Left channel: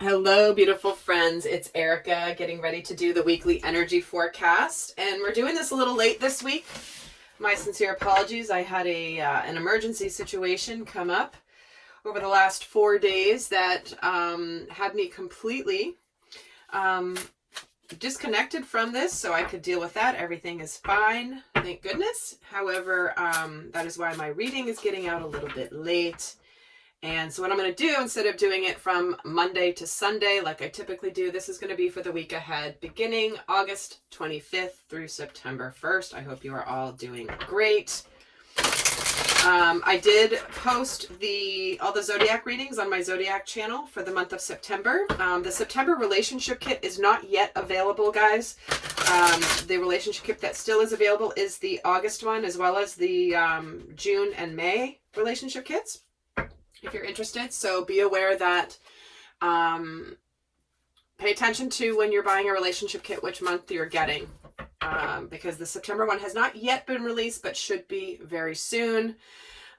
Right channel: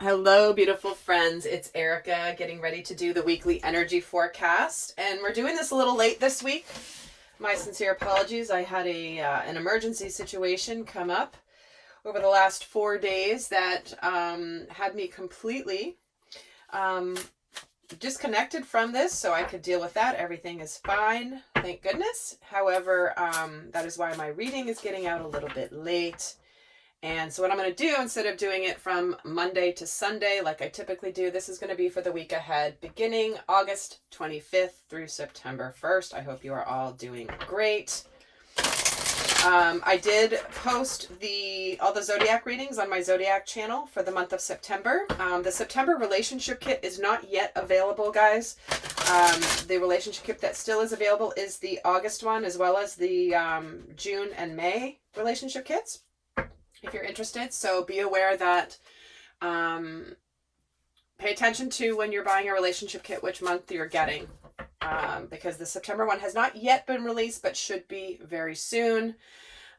Hello, beautiful friends. It's Erica getting ready to do the weekly energy forecast, and we're doing this a little late this week. My sincere apologies. I had an emergency situation come up over the last 4 days that had me completely um, disconnected from this, so I could deal with that. Everything is fine, thank goodness. However, that is why my reading is getting out a little bit late. And so what I'm going to do, instead of doing it from Monday to Sunday like I typically do, this is going to be for the week ahead, beginning August 25th through September 1st. I hope you are all doing great. I did post all the zodiac readings on my zodiac channel for the month of September. The September relationship kit is not yet available, guys. The relationship kit that still is available is the August one, as well as the June and May relationship kits, if you're interested. So be aware that pay attention to when you're buying a relationship kit, which month you're getting, because the September one has not yet been released, but should be very soon.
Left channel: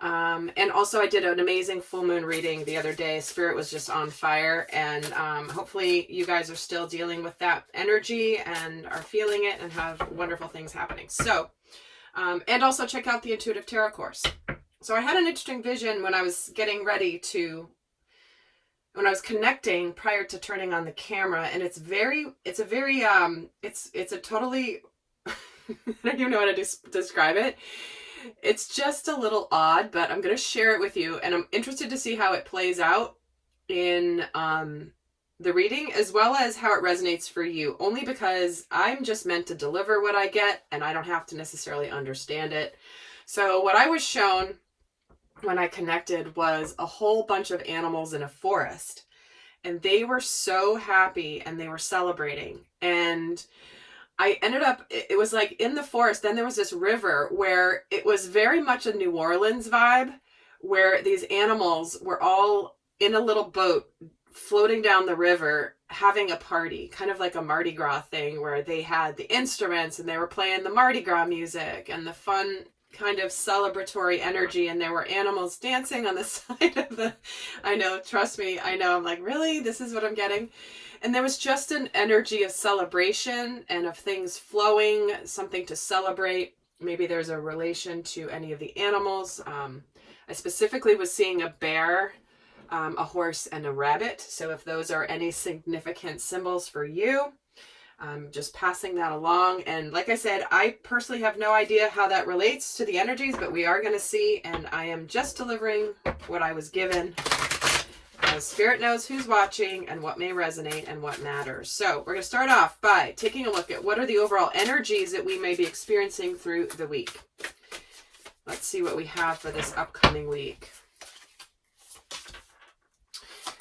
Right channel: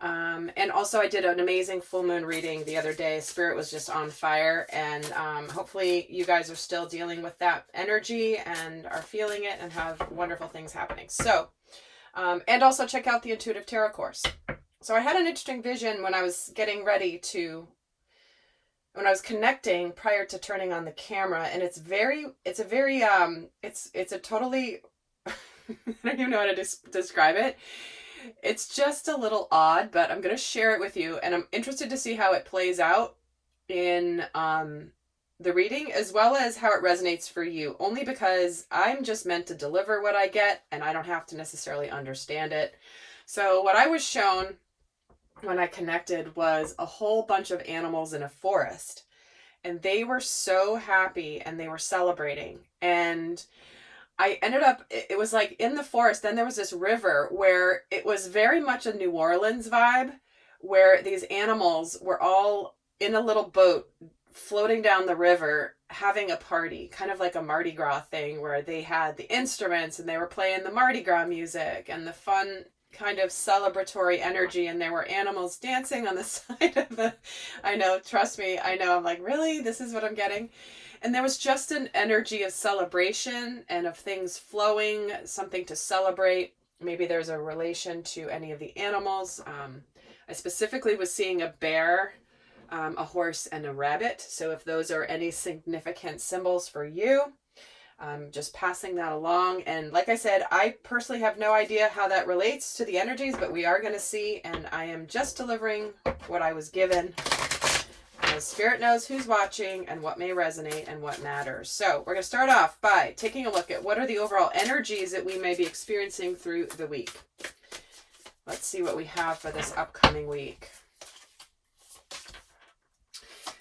And also I did an amazing full moon reading the other day. Spirit was just on fire, and hopefully you guys are still dealing with that energy and are feeling it and have wonderful things happening. So, and also check out the Intuitive Tarot course. So I had an interesting vision when I was getting ready to, when I was connecting prior to turning on the camera, and it's a totally, I don't even know how to describe it. It's just a little odd, but I'm going to share it with you, and I'm interested to see how it plays out in the reading, as well as how it resonates for you, only because I'm just meant to deliver what I get, and I don't have to necessarily understand it. So what I was shown when I connected was a whole bunch of animals in a forest, and they were so happy and they were celebrating. And I ended up, it was like in the forest, then there was this river where it was very much a New Orleans vibe, where these animals were all in a little boat floating down the river having a party, kind of like a Mardi Gras thing, where they had the instruments and they were playing the Mardi Gras music and the fun kind of celebratory energy, and there were animals dancing on the side of the, I know, trust me, I know, I'm like, really? This is what I'm getting? And there was just an energy of celebration and of things flowing, something to celebrate. Maybe there's a relation to any of the animals. I specifically was seeing a bear, a horse, and a rabbit. So if those are any significant symbols for you, just passing that along. And like I said, I personally have no idea how that relates to the energies, but we are going to see, and I am just delivering what I was given. The Spirit knows who's watching and what may resonate and what matters. So we're going to start off by taking a look at what are the overall energies that we may be experiencing through the week. Let's see what we have for this upcoming week.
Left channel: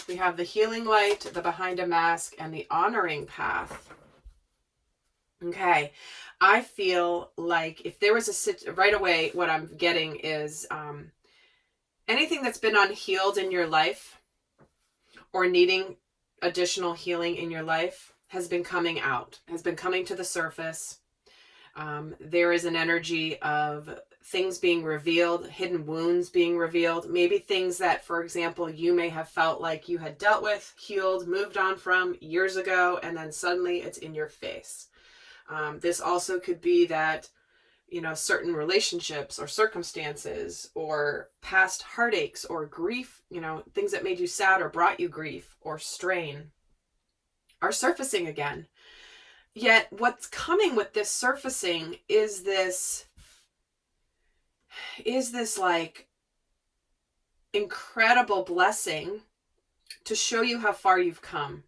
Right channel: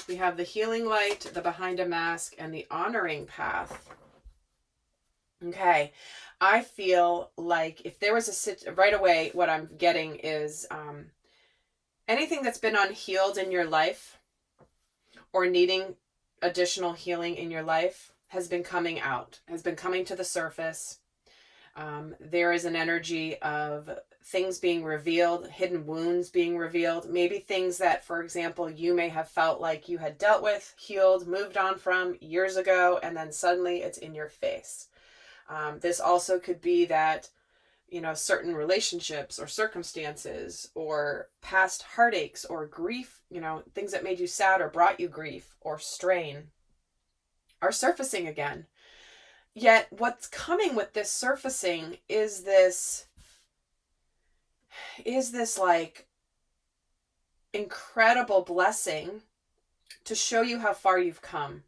We have the Healing Light, the Behind a Mask, and the Honoring Path. Okay, I feel like if there was right away, what I'm getting is anything that's been unhealed in your life or needing additional healing in your life has been coming out, has been coming to the surface. There is an energy of things being revealed, hidden wounds being revealed, maybe things that, for example, you may have felt like you had dealt with, healed, moved on from years ago, and then suddenly it's in your face. This also could be that, you know, certain relationships or circumstances or past heartaches or grief, you know, things that made you sad or brought you grief or strain are surfacing again. Yet what's coming with this surfacing is this like incredible blessing to show you how far you've come.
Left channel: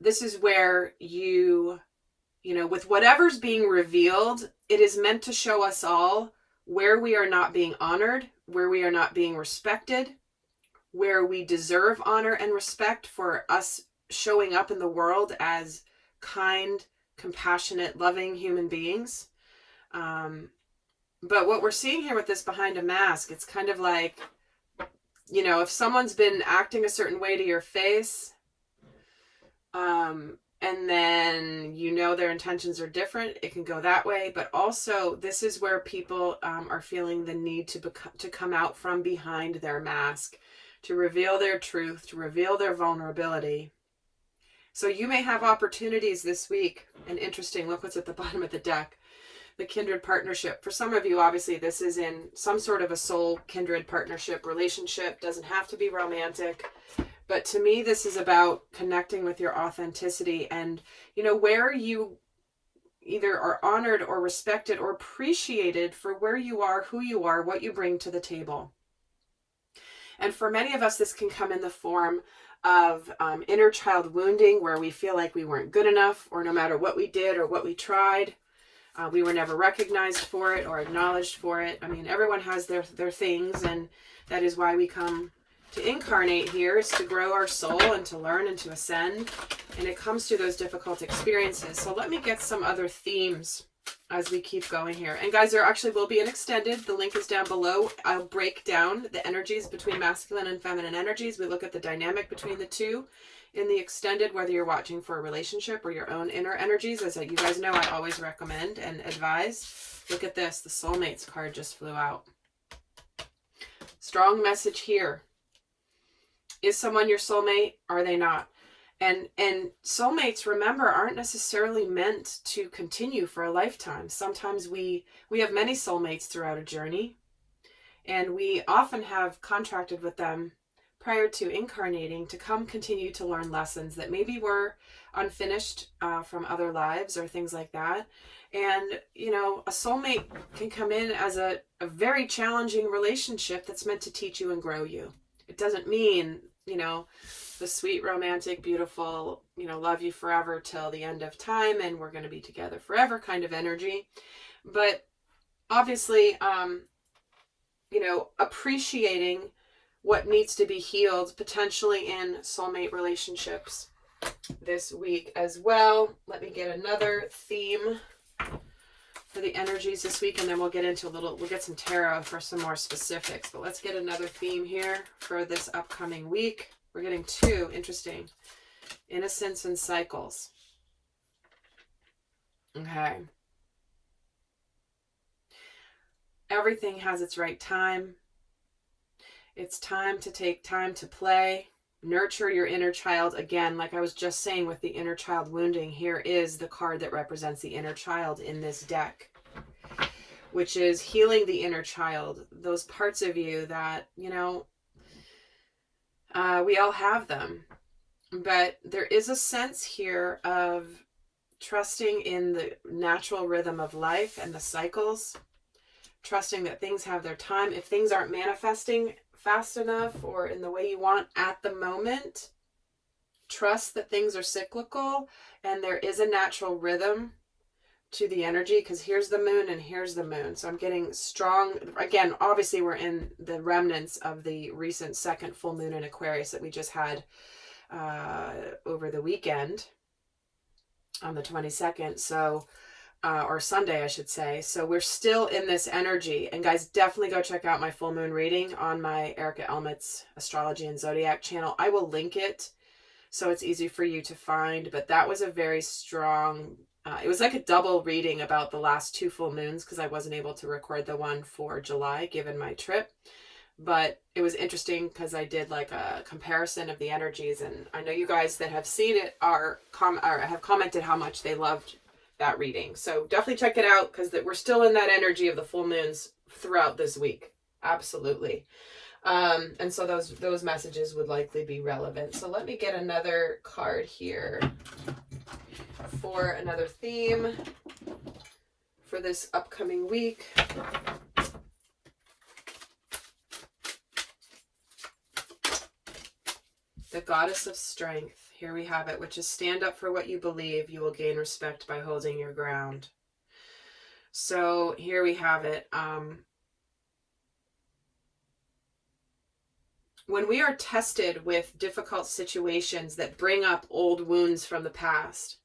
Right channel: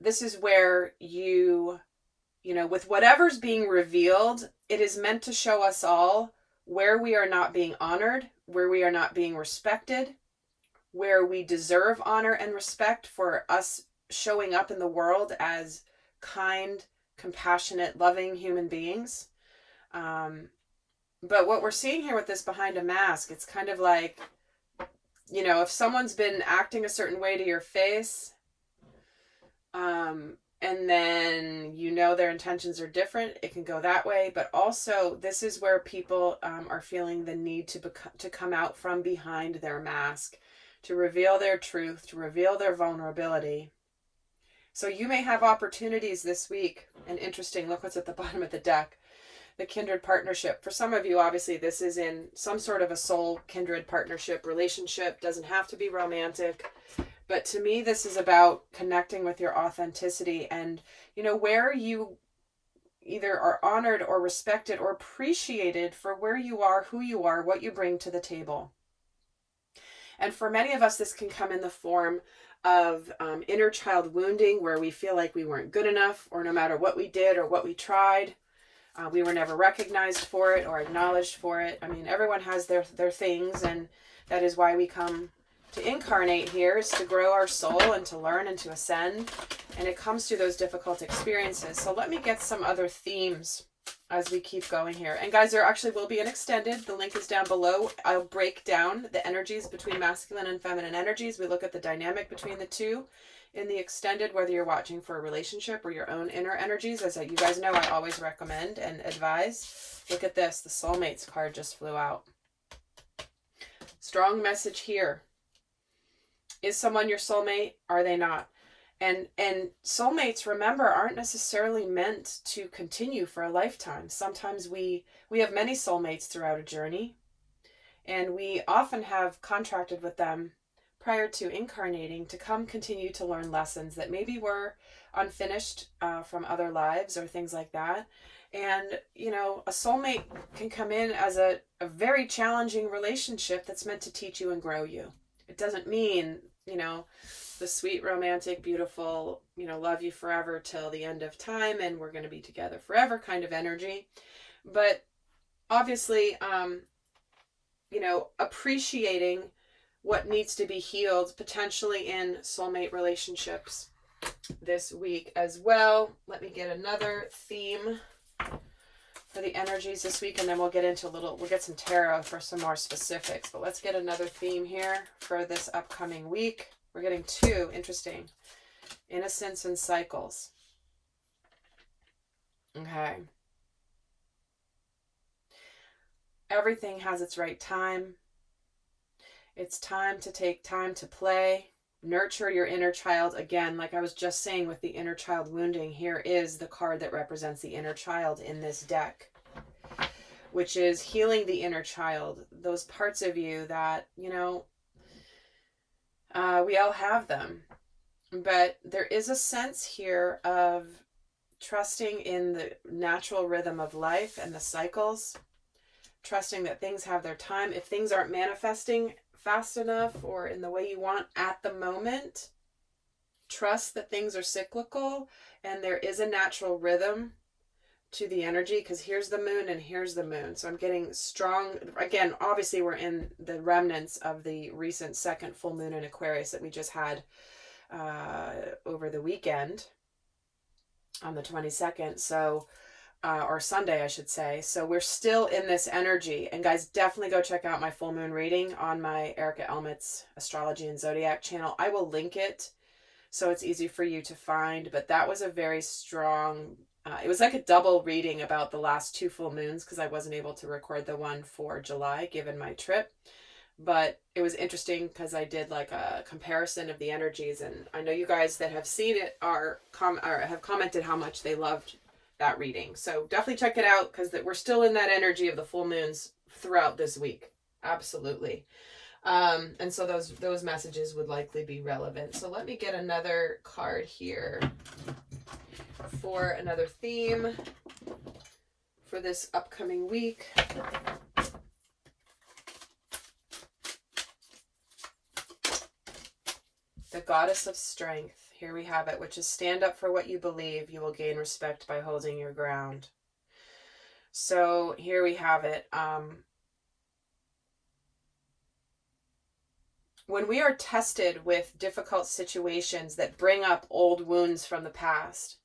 This is where you know, with whatever's being revealed, it is meant to show us all where we are not being honored, where we are not being respected, where we deserve honor and respect for us showing up in the world as kind, compassionate, loving human beings. But what we're seeing here with this Behind a Mask, it's kind of like, you know, if someone's been acting a certain way to your face, and then you know their intentions are different, it can go that way. But also, this is where people are feeling the need to come out from behind their mask, to reveal their truth, to reveal their vulnerability. So you may have opportunities this week. And interesting, look what's at the bottom of the deck. The kindred partnership. For some of you, obviously, this is in some sort of a soul kindred partnership relationship. Doesn't have to be romantic. But to me, this is about connecting with your authenticity and, where you either are honored or respected or appreciated for where you are, who you are, what you bring to the table. And for many of us, this can come in the form of inner child wounding, where we feel like we weren't good enough, or no matter what we did or what we tried, we were never recognized for it or acknowledged for it. I mean, everyone has their things, and that is why we come to incarnate here, is to grow our soul and to learn and to ascend. And it comes through those difficult experiences. So let me get some other themes as we keep going here. And guys, there actually will be an extended. The link is down below. I'll break down the energies between masculine and feminine energies. We look at the dynamic between the two in the extended, whether you're watching for a relationship or your own inner energies. As you guys know, I always recommend and advise. Look at this. The Soulmates card just flew out. Strong message here. Is someone your soulmate? Are they not? And soulmates, remember, aren't necessarily meant to continue for a lifetime. Sometimes we have many soulmates throughout a journey, and we often have contracted with them prior to incarnating to come continue to learn lessons that maybe were unfinished from other lives or things like that. And, a soulmate can come in as a very challenging relationship that's meant to teach you and grow you. It doesn't mean, the sweet, romantic, beautiful, love you forever till the end of time and we're going to be together forever kind of energy. But obviously, appreciating what needs to be healed potentially in soulmate relationships this week as well. Let me get another theme for the energies this week, and then we'll get some tarot for some more specifics. But let's get another theme here for this upcoming week. We're getting two. Interesting. Innocence and cycles. Okay. Everything has its right time. It's time to take time to play. Nurture your inner child. Again, like I was just saying with the inner child wounding, here is the card that represents the inner child in this deck, which is healing the inner child. Those parts of you that, we all have them. But there is a sense here of trusting in the natural rhythm of life and the cycles, trusting that things have their time. If things aren't manifesting fast enough or in the way you want at the moment, trust that things are cyclical and there is a natural rhythm to the energy, because here's the moon and here's the moon. So I'm getting strong. Again, obviously we're in the remnants of the recent second full moon in Aquarius that we just had over the weekend on the 22nd. So or Sunday, I should say. So we're still in this energy. And guys, definitely go check out my full moon reading on my Erica Elmet's Astrology and Zodiac channel. I will link it so it's easy for you to find. But that was a very strong, it was like a double reading about the last two full moons, because I wasn't able to record the one for July given my trip. But it was interesting because I did like a comparison of the energies. And I know you guys that have seen it have commented how much they loved that reading. So definitely check it out, because we're still in that energy of the full moons throughout this week. Absolutely. And so those messages would likely be relevant. So let me get another card here for another theme for this upcoming week. The Goddess of Strength. Here we have it, which is stand up for what you believe. You will gain respect by holding your ground. So here we have it. When we are tested with difficult situations that bring up old wounds from the past,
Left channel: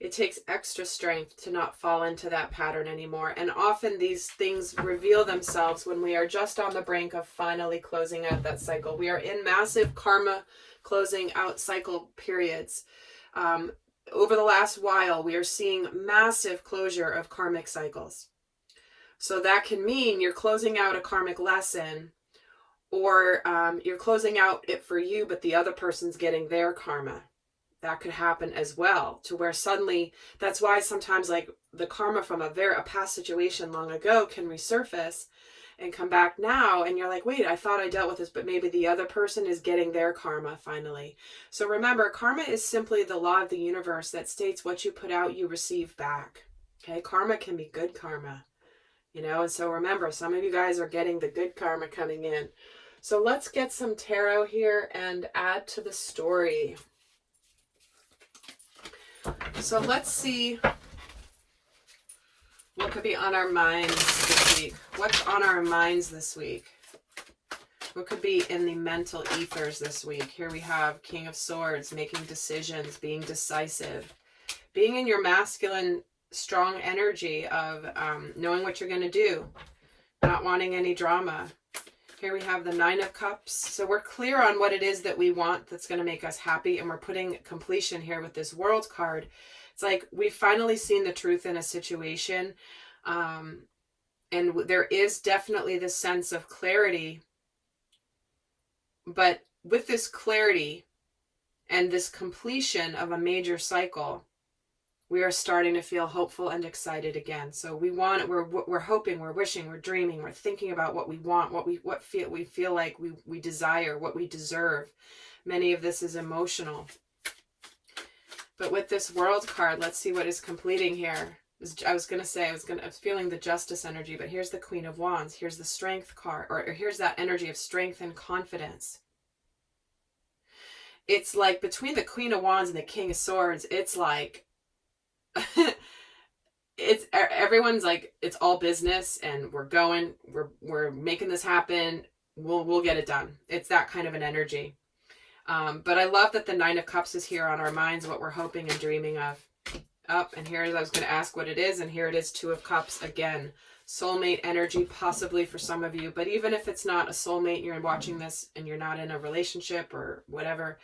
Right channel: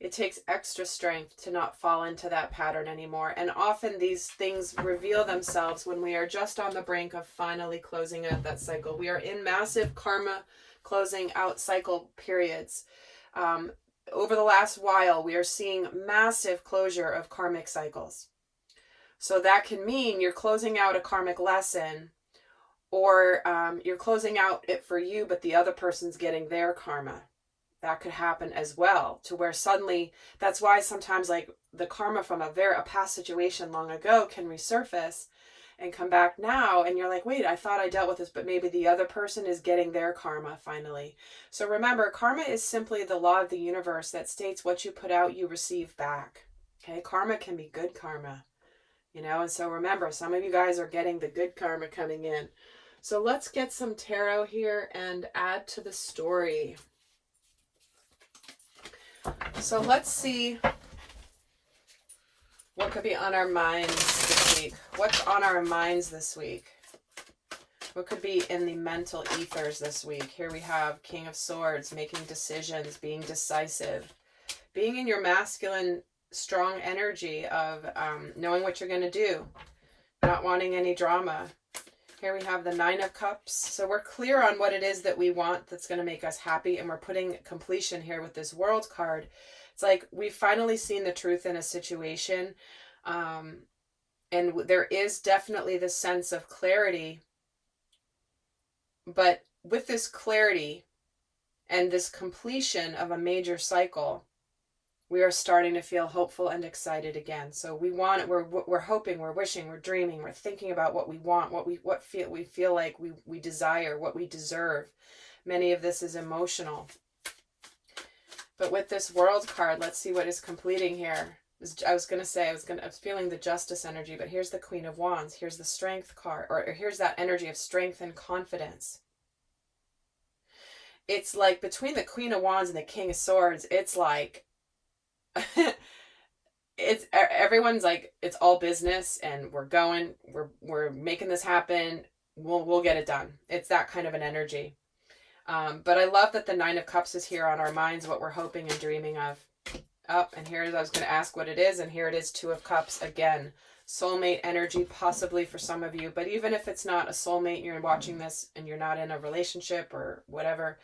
it takes extra strength to not fall into that pattern anymore. And often these things reveal themselves when we are just on the brink of finally closing out that cycle. We are in massive karma closing out cycle periods. Over the last while, we are seeing massive closure of karmic cycles. So that can mean you're closing out a karmic lesson, Or you're closing out it for you, but the other person's getting their karma. That could happen as well, to where suddenly, that's why sometimes like the karma from a past situation long ago can resurface and come back now, and you're like, wait, I thought I dealt with this, but maybe the other person is getting their karma finally. So remember, karma is simply the law of the universe that states what you put out, you receive back. Okay, karma can be good karma, you know, and so remember, some of you guys are getting the good karma coming in. So let's get some tarot here and add to the story. So let's see what could be on our minds this week. What's on our minds this week? What could be in the mental ethers this week? Here we have King of Swords, making decisions, being decisive, being in your masculine, strong energy of knowing what you're going to do, not wanting any drama. Here we have the Nine of Cups. So we're clear on what it is that we want that's going to make us happy, and we're putting completion here with this World card. It's like we've finally seen the truth in a situation, and there is definitely this sense of clarity. But with this clarity and this completion of a major cycle, we are starting to feel hopeful and excited again. So we're hoping, we're wishing, we're dreaming, we're thinking about what we want, we feel like we desire, what we deserve. Many of this is emotional. But with this World card, let's see what is completing here. I was feeling the Justice energy, but here's the Queen of Wands. Here's the Strength card, or here's that energy of strength and confidence. It's like between the Queen of Wands and the King of Swords, it's like everyone's like, it's all business, and we're making this happen. We'll get it done. It's that kind of an energy. But I love that the Nine of Cups is here on our minds, what we're hoping and dreaming of. And here I was going to ask what it is, and here it is, Two of Cups again. Soulmate energy, possibly for some of you. But even if it's not a soulmate, you're watching this and you're not in a relationship or whatever,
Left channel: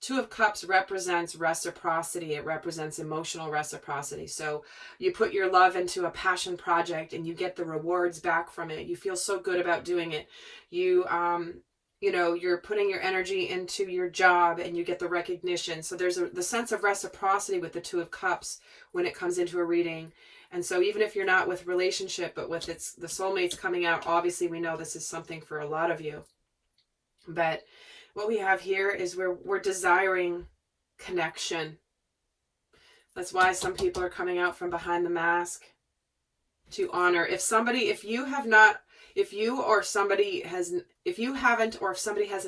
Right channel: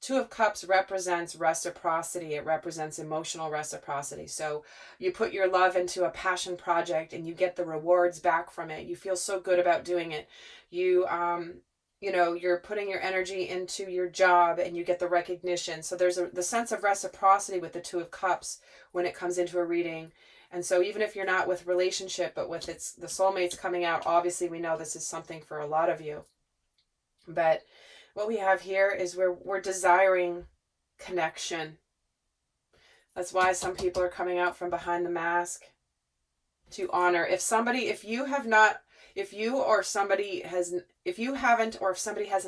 Two of Cups represents reciprocity. It represents emotional reciprocity. So you put your love into a passion project and you get the rewards back from it. You feel so good about doing it. You're putting your energy into your job and you get the recognition. So there's the sense of reciprocity with the Two of Cups when it comes into a reading. And so even if you're not with relationship, but with the soulmates coming out, obviously we know this is something for a lot of you. But what we have here is we're desiring connection. That's why some people are coming out from behind the mask to honor. If somebody hasn't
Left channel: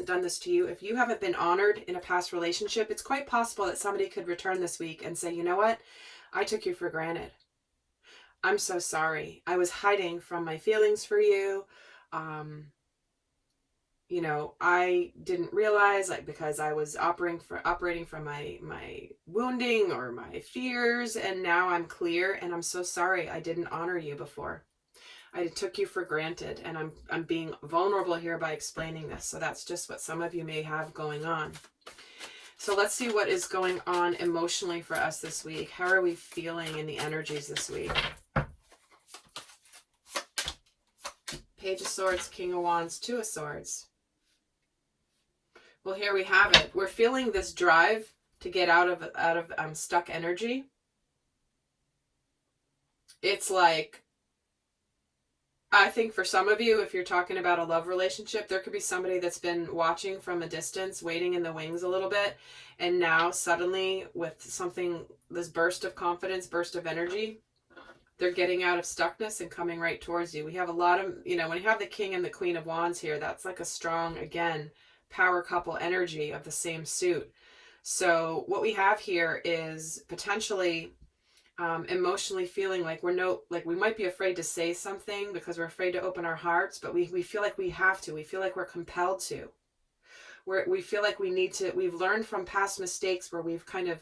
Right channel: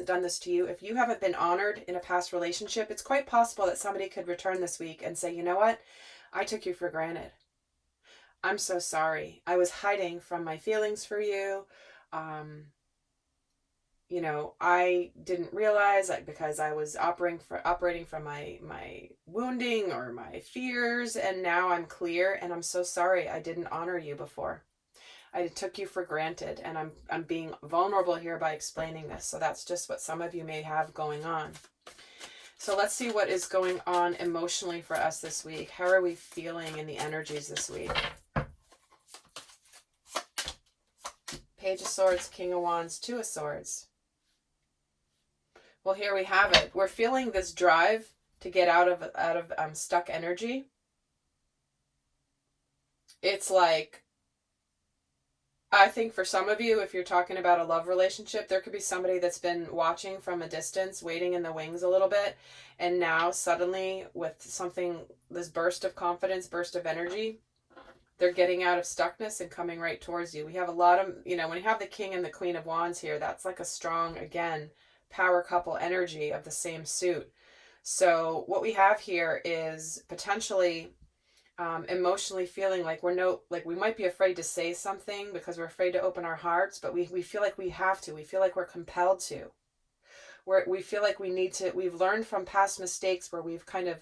done this to you, if you haven't been honored in a past relationship, it's quite possible that somebody could return this week and say, you know what? I took you for granted. I'm so sorry. I was hiding from my feelings for you. I didn't realize, because I was operating from my wounding or my fears, and now I'm clear, and I'm so sorry I didn't honor you before. I took you for granted, and I'm being vulnerable here by explaining this. So that's just what some of you may have going on. So let's see what is going on emotionally for us this week. How are we feeling in the energies this week? Page of Swords, King of Wands, Two of Swords. Well, here we have it. We're feeling this drive to get out of stuck energy. It's like, I think for some of you, if you're talking about a love relationship, there could be somebody that's been watching from a distance, waiting in the wings a little bit, and now suddenly with this burst of confidence, burst of energy, they're getting out of stuckness and coming right towards you. We have a lot of, when you have the King and the Queen of Wands here, that's like a strong, again, power couple energy of the same suit. So what we have here is potentially emotionally feeling like we might be afraid to say something because we're afraid to open our hearts, but we feel like we have to. We feel like we're compelled to. We feel like we need to. We've learned from past mistakes where we've kind of,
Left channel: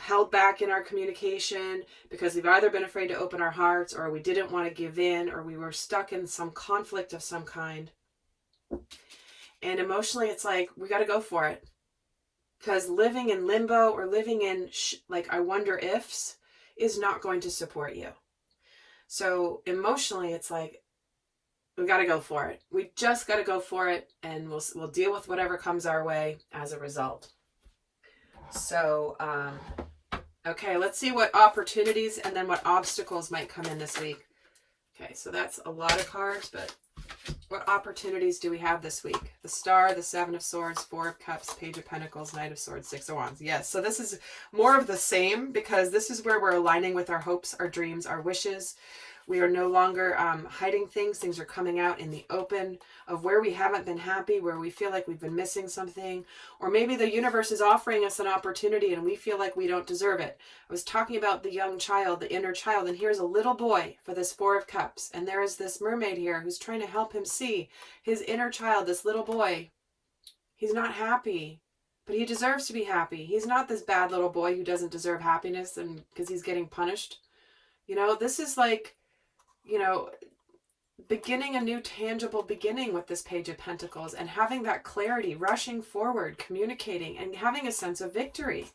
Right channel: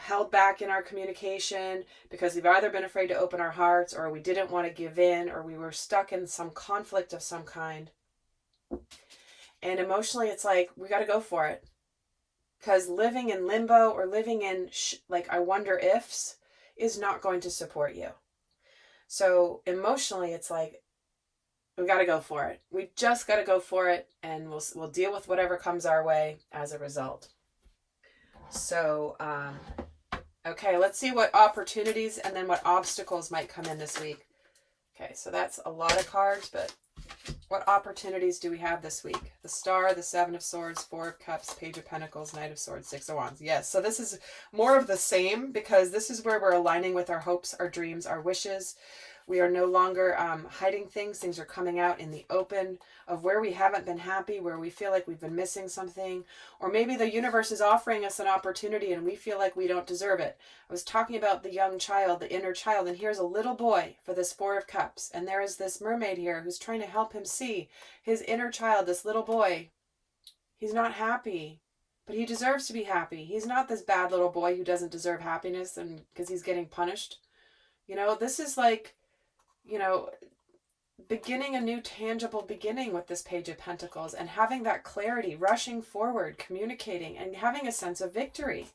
held back in our communication because we've either been afraid to open our hearts, or we didn't want to give in, or we were stuck in some conflict of some kind. And emotionally, it's like, we got to go for it. Because living in limbo or living in I wonder ifs is not going to support you. So emotionally, it's like, We got to go for it. We just got to go for it, and we'll deal with whatever comes our way as a result. So, okay, let's see what opportunities and then what obstacles might come in this week. Okay, so that's a lot of cards, but what opportunities do we have this week? The Star, the Seven of Swords, Four of Cups, Page of Pentacles, Knight of Swords, Six of Wands. Yes, so this is more of the same, because this is where we're aligning with our hopes, our dreams, our wishes. We are no longer hiding things. Things are coming out in the open of where we haven't been happy, where we feel like we've been missing something, or maybe the universe is offering us an opportunity and we feel like we don't deserve it. I was talking about the young child, the inner child, and here's a little boy for this Four of Cups, and there is this mermaid here who's trying to help him see his inner child, this little boy. He's not happy, but he deserves to be happy. He's not this bad little boy who doesn't deserve happiness and because he's getting punished. You know, this is like, you know, beginning a new tangible beginning with this Page of Pentacles, and having that clarity, rushing forward, communicating, and having a sense of victory.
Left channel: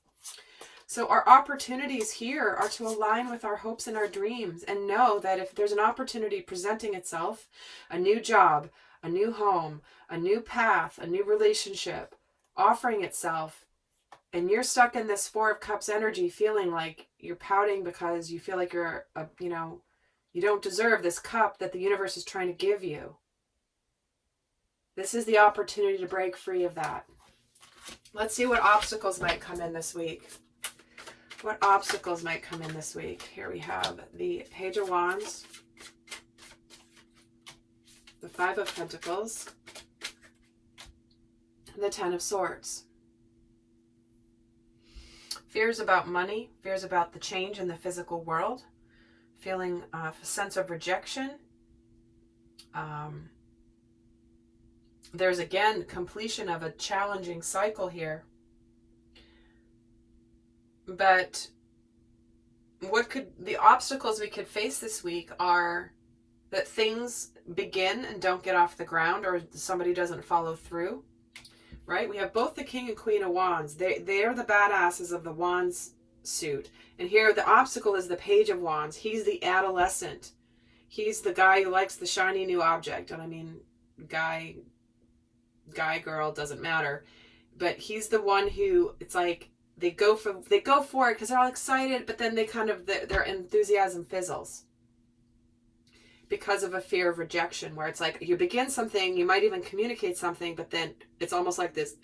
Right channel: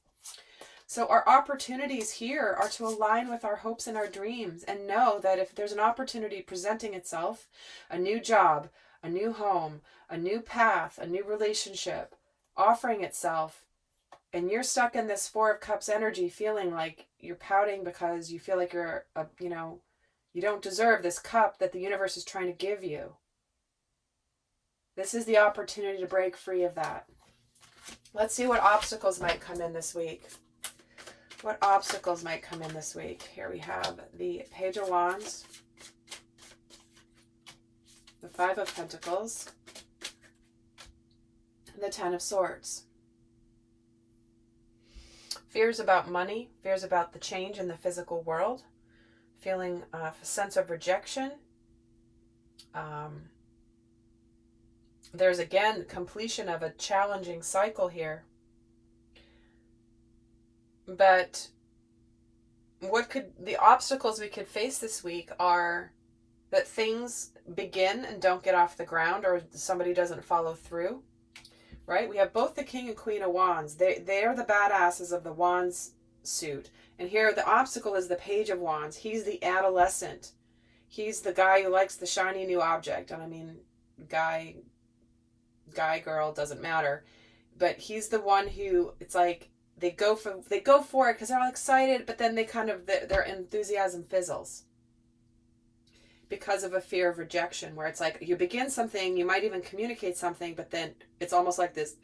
So our opportunities here are to align with our hopes and our dreams, and know that if there's an opportunity presenting itself, a new job, a new home, a new path, a new relationship offering itself, and you're stuck in this Four of Cups energy, feeling like you're pouting because you feel like you're, you don't deserve this cup that the universe is trying to give you. This is the opportunity to break free of that. Let's see what obstacles might come in this week. What obstacles might come in this week? Here we have the Page of Wands, the Five of Pentacles, the Ten of Swords. Fears about money, fears about the change in the physical world, feeling a sense of rejection. There's again completion of a challenging cycle here. But the obstacles we could face this week are that things begin and don't get off the ground, or somebody doesn't follow through. Right? We have both the King and Queen of Wands. They are the badasses of the Wands suit. And here the obstacle is the Page of Wands. He's the adolescent. He's the guy who likes the shiny new object. And I mean, guy, girl, doesn't matter. But he's the one who, it's like, they go for it because they're all excited, but then their enthusiasm fizzles because of a fear of rejection, where it's like you begin something, you might even communicate something, but then it's almost like this,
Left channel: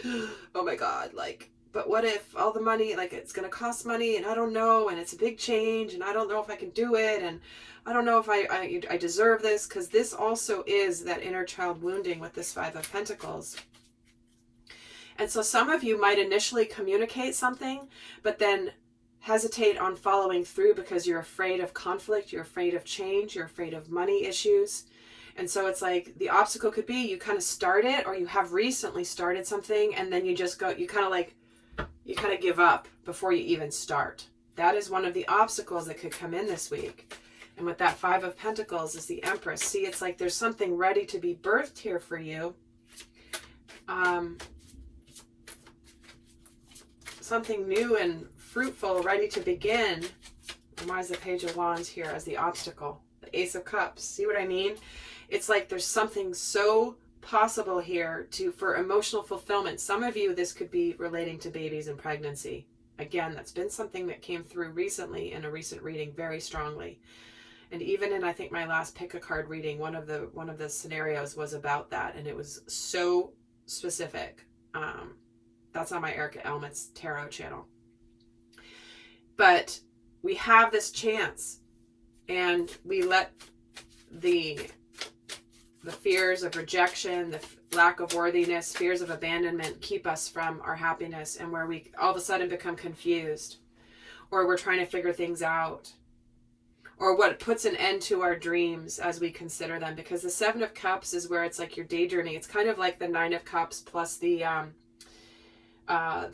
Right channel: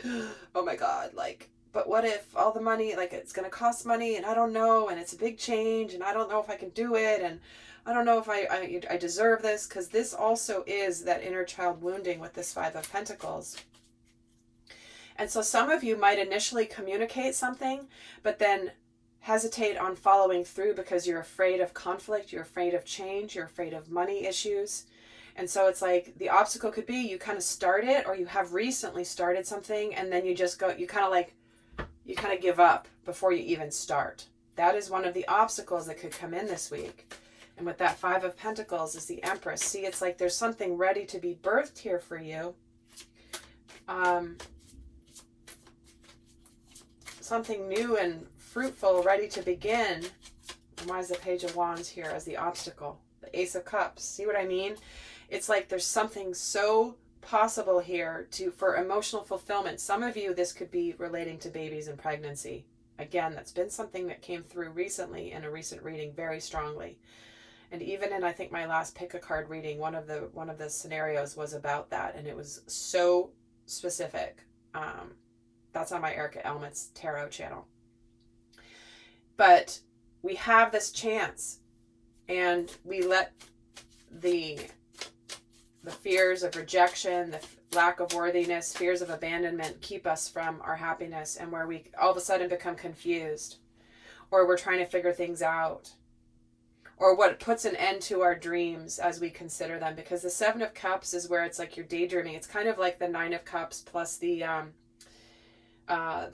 oh my God, like, but what if all the money, like, it's going to cost money, and I don't know, and it's a big change, and I don't know if I can do it, and I don't know if I deserve this, because this also is that inner child wounding with this Five of Pentacles. And so some of you might initially communicate something, but then hesitate on following through because you're afraid of conflict, you're afraid of change, you're afraid of money issues. And so it's like the obstacle could be you kind of start it, or you have recently started something, and then you just go, you kind of give up before you even start. That is one of the obstacles that could come in this week. And with that Five of Pentacles is the Empress. See, it's like there's something ready to be birthed here for you. Something new and fruitful, ready to begin. And why is the Page of Wands here as the obstacle? The Ace of Cups. See what I mean? It's like there's something so possible here for emotional fulfillment. Some of you, this could be relating to babies and pregnancy. Again, that's been something that came through recently in a recent reading very strongly. And even in, I think, my last pick a card reading, one of the scenarios was about that, and it was so specific. That's on my Erica Elmet's tarot channel. But we have this chance, and we let the fears of rejection, the lack of worthiness, fears of abandonment keep us from our happiness, and where we all of a sudden become confused, or we're trying to figure things out, or what puts an end to our dreams as we consider them. Because the Seven of Cups is where it's like you're daydreaming. It's kind of like the Nine of Cups plus the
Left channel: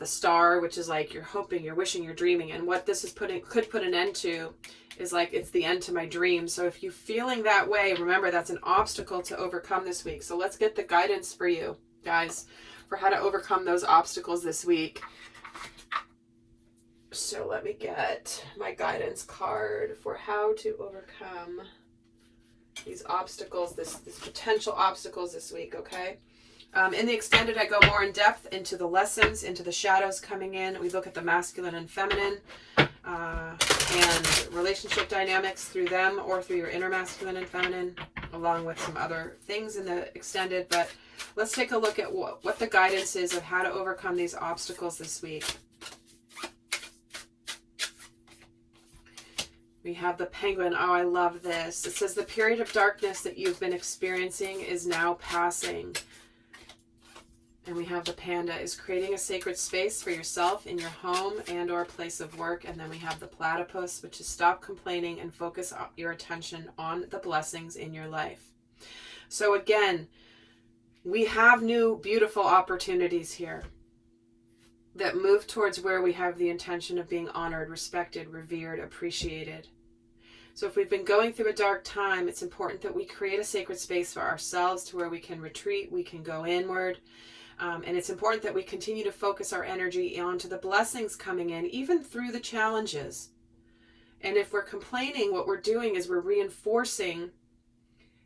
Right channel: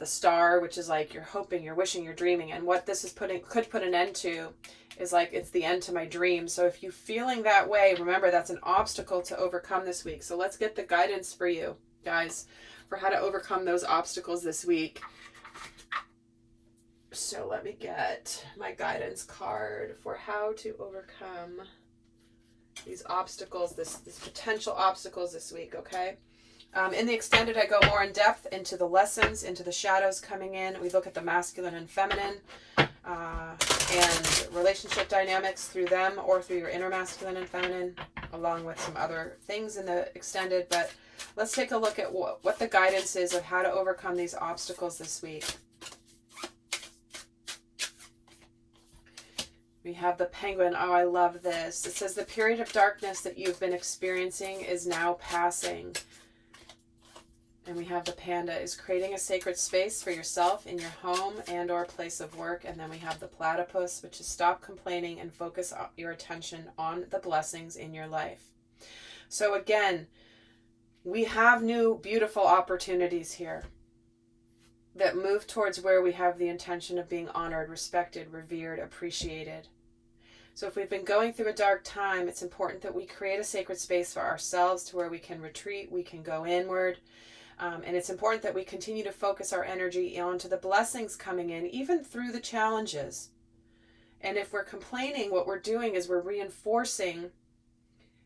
Star, which is like you're hoping, you're wishing, you're dreaming. And what this is could put an end to is like, it's the end to my dream. So if you're feeling that way, remember that's an obstacle to overcome this week. So let's get the guidance for you guys for how to overcome those obstacles this week. So let me get my guidance card for how to overcome these obstacles, this potential obstacles this week, okay? In the extended, I go more in depth into the lessons, into the shadows coming in. We look at the masculine and feminine and relationship dynamics through them or through your inner masculine and feminine, along with some other things in the extended. But let's take a look at what the guidance is of how to overcome these obstacles this week. We have the penguin. Oh, I love this. It says the period of darkness that you've been experiencing is now passing. And we have the panda is creating a sacred space for yourself in your home and or place of work. And then we have the platypus, which is stop complaining and focus your attention on the blessings in your life. So again, we have new beautiful opportunities here that move towards where we have the intention of being honored, respected, revered, appreciated. So if we've been going through a dark time, it's important that we create a sacred space for ourselves to where we can retreat, we can go inward. And it's important that we continue to focus our energy onto the blessings coming in, even through the challenges. And if we're complaining, what we're doing is we're reinforcing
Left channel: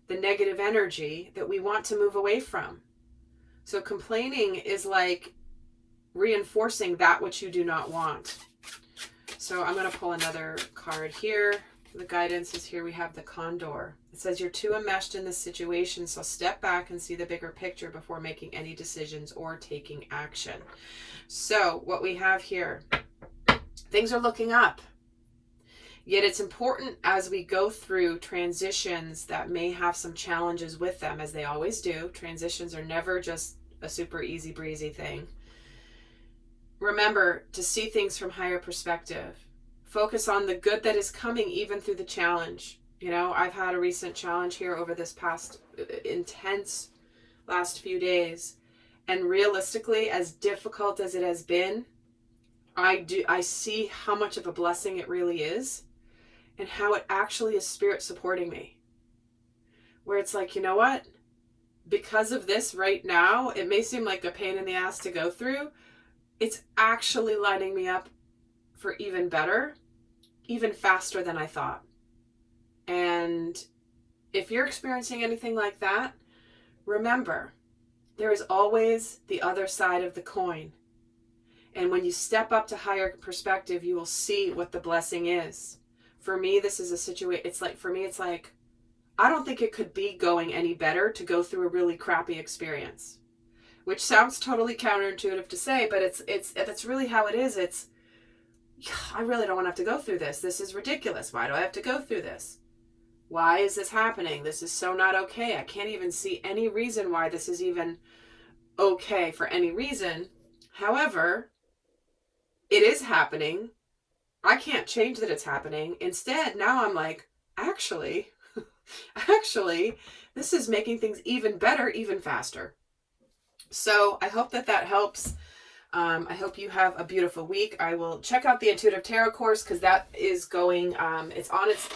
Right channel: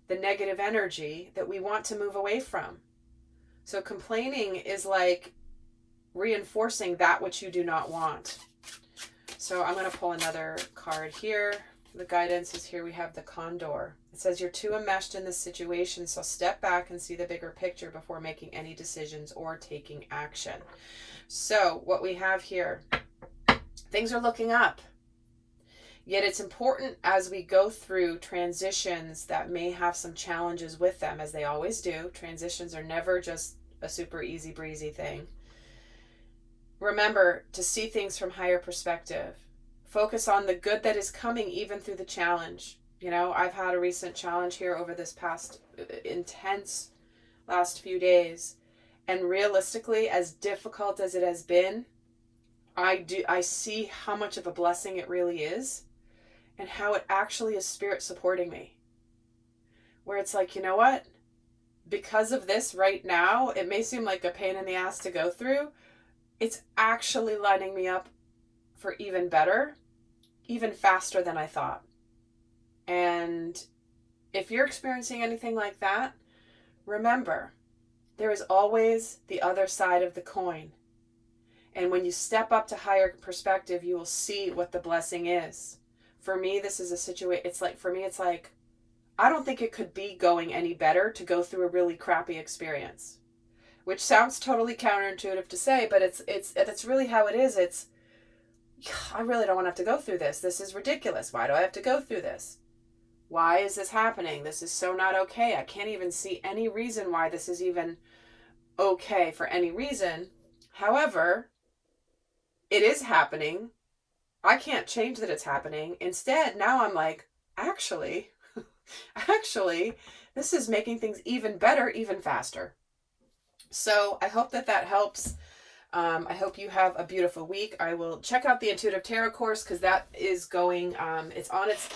the negative energy that we want to move away from. So complaining is like reinforcing that which you do not want. So I'm going to pull another card here. The guidance is here. We have the condor. It says you're too enmeshed in this situation, so step back and see the bigger picture before making any decisions or taking action. So what we have here, things are looking up. Yet it's important as we go through transitions that may have some challenges with them, as they always do. Transitions are never just a super easy breezy thing. Remember to see things from higher perspective. Focus on the good that is coming even through the challenge. You know, I've had a recent challenge here over this past intense last few days. And realistically, as difficult as it has been, I see how much of a blessing it really is and how it actually is spirit supporting me. Where it's like, you know what? Because of this right now, it may seem like a pain in the ass to go through. It's actually lining me up for even better, even faster than I thought. And if you're experiencing anything like that, remember, there is always the other side of the coin. And when you step up to higher perspective, you will see what the blessing is. For me, this is a situation, it's like, I don't think it could be going any better to go through a really crappy experience. Which sounds totally counterintuitive to say, but it's really how it is. It's, I really don't want to have to go through this. This is ridiculous. Why do I have to go through this? Why is this happening? This is so not okay. I can't even see any reason why this is even okay for any reason. However, it is happening. I can't change that it's happening. Instead, now I'm like, actually, this is making things even better, even faster. So I hope that helps. I hope you have a beautiful week. I will check out the Intuitive Tarot course because that is going, it's on its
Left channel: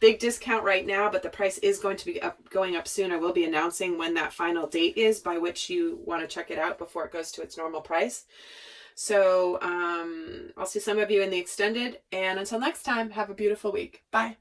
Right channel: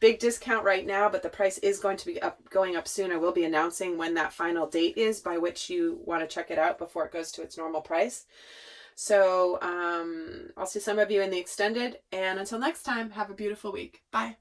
big discount right now, but the price is going to be going up soon. I will be announcing when that final date is by which you want to check it out before it goes to its normal price. So I'll see some of you in the extended, and until next time, have a beautiful week. Bye.